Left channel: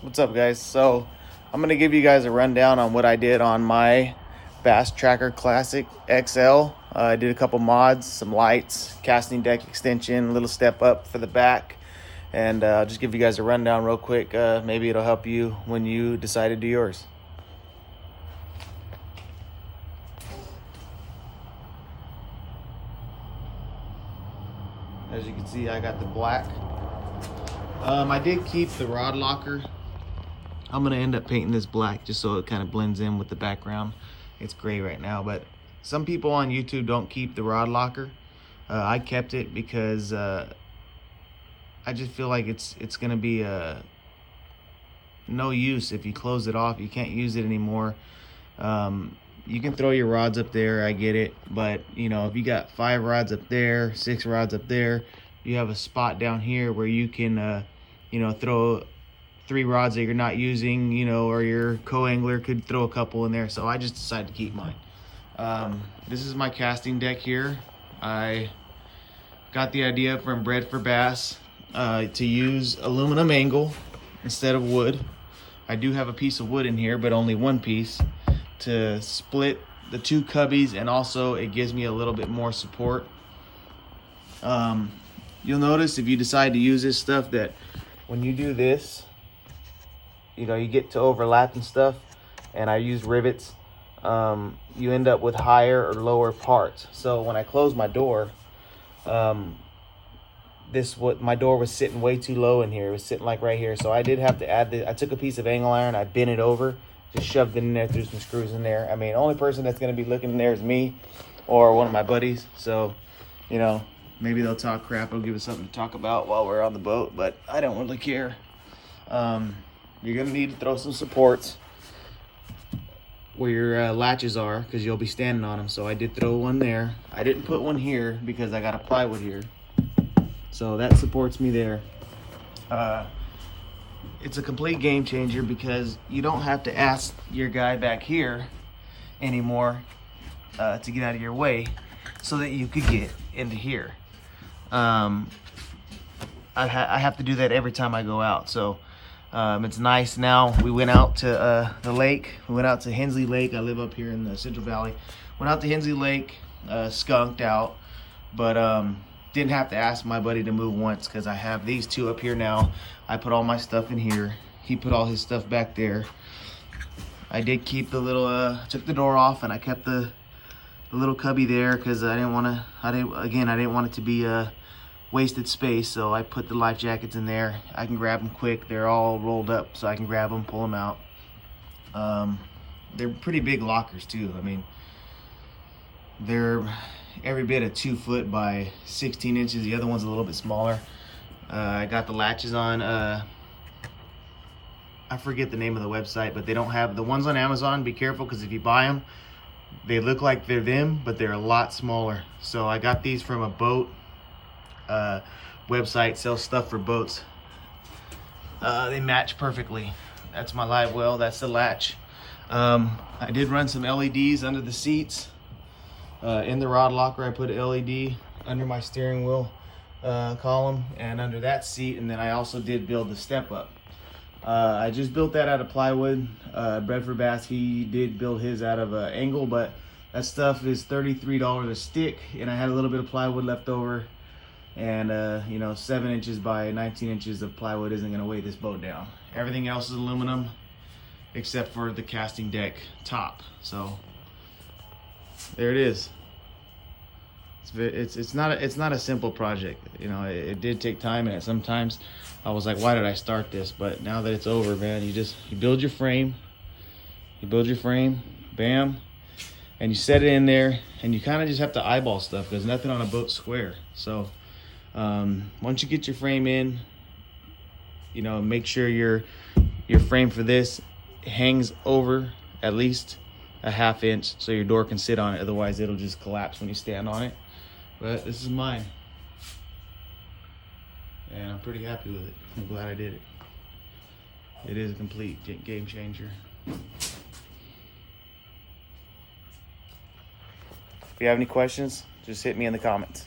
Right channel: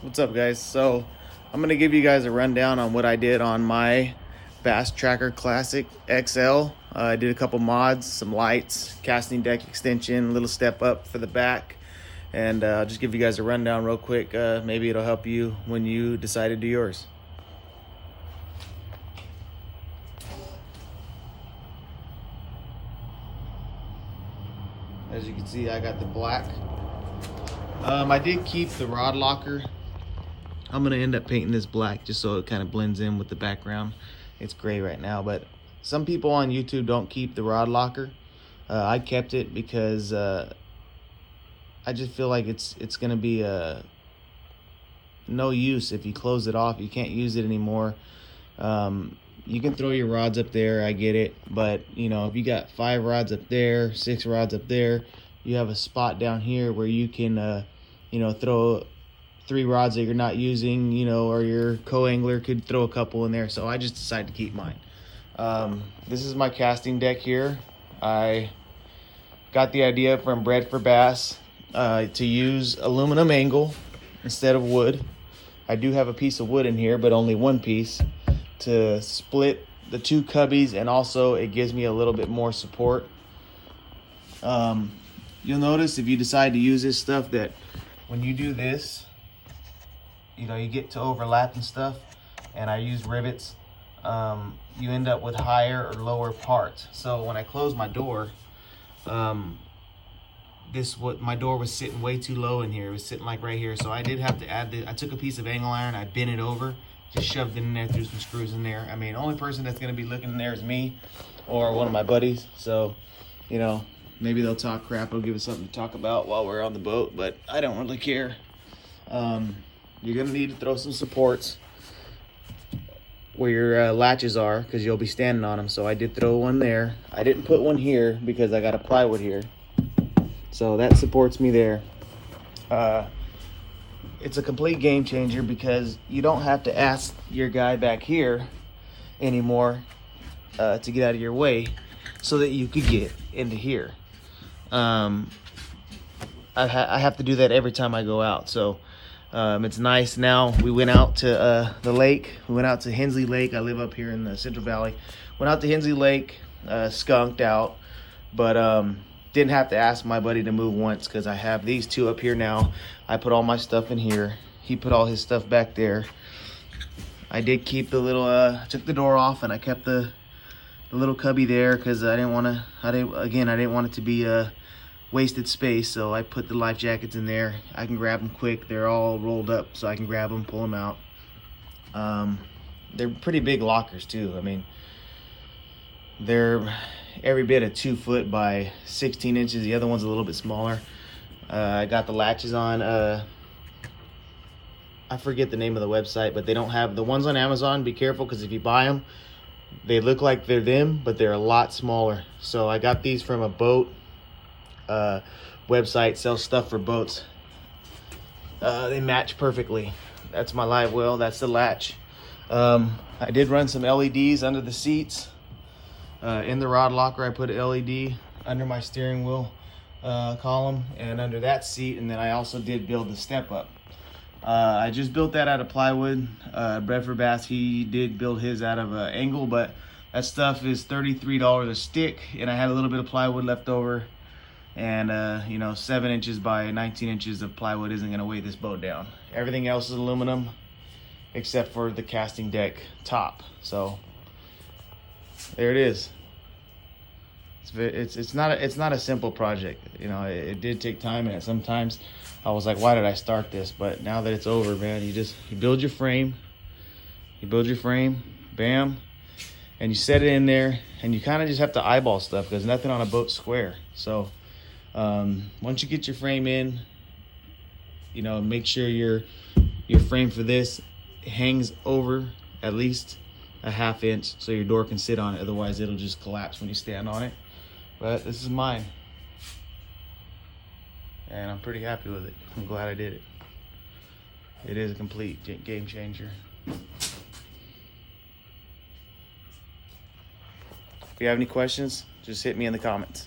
What's up, guys? So I'm gonna give you guys a rundown on what I did on my Bass Tracker Classic XL. I did a couple mods, some lights, casting deck extension, a little step up for the back, and I'll just give you guys a rundown real quick. Maybe it'll help you when you decide to do yours. As you can see, I got the black. I did keep the rod locker. I'm gonna end up painting this black just so it kind of blends in with the background. It's gray right now, but some people on YouTube don't keep the rod locker. I kept it because I just feel like it's gonna be no use if you close it off. You can't use it anymore. You can throw your rods up there, I get it, but you know, if you got 5 rods up there, 6 rods up there, you have a spot down here where you can you know, throw 3 rods that you're not using, you know, or your co-angler could throw a couple in there. So I just decided to keep mine. This is my casting deck here. I got the idea from Bred for Bass to use aluminum angle instead of wood. I do have a piece of wood in here, but only one piece to split the 2 cubbies, and also it gives me a little bit more support. You'll notice if you decide to use this stuff that when you do this, you know, you get to overlap and stuff, and I use rivets, you end up with higher or lower parts. So when I close my door, my door was sitting way too low in here. It was sitting like right here. So I did have to add I took a piece of angle iron, I bent it over, just shoved it in there, threw some screws in there. I mean, the only person that's gonna be looking in there is me or one of my buddies. So, you know, maybe they'll talk crap, it'll give us something to talk about while we're on the boat, but I don't really care. You're gonna need to throw some supports where your latches are, because you'll be standing on them. So I did throw one there. I didn't put one here because I got a plywood here, so that supports me there. It's a complete game changer because you don't have to ask your guy back here anymore to get out of your way so that you could get into here. I have to do that every time I go out. So it's nice. Now we went out to the lake. We went out to Hensley Lake. I live up here in the Central Valley. Went out to Hensley Lake, skunked out, but didn't have to ask my buddy to move once because I have these 2 up here now. I put all my stuff in here. He put all his stuff back there. I did keep the little, took the door off, and I kept the little cubby there because I didn't want it to be wasted space. So I put the life jackets in there. I can grab them quick. They're all rolled up, so I can grab them, pull them out. They're pretty big lockers too. I mean, they're every bit of 2 foot by 16 inches. The other one's a little bit smaller. I got the latches on. I forget the name of the website, but they don't have the ones on Amazon. Be careful, because if you buy them, they look like they're them, but they're a lot smaller. So I got these from a boat website, sells stuff for boats. They match perfectly. That's my live well, that's the latch. I did run some LEDs under the seats. In the rod locker, I put an LED under my steering wheel column and under that seat, and then I also did build the step up. I just built that out of plywood. Bred for Bass, he did build his out of angle, but that stuff is $33 a stick, and I had a little bit of plywood left over, and you know, 7 inches by 19 inches of plywood isn't going to weigh this boat down. Everything else is aluminum except for the casting deck top. So there it is. It's not a simple project. You know, it did take time, and sometimes I was like, why did I start this? But now that it's over, man, you build your frame, bam, and you set it in there, and you kind of just have to eyeball stuff because nothing on a boat's square. So once you get your frame in, you know, make sure your frame for this hangs over at least a 1/2 inch so your door can sit on it. Otherwise it'll just collapse when you stand on it. But this is mine, and I'm pretty happy with it. I'm glad I did it. It is a complete game changer. If you have any questions, just hit me in the comments.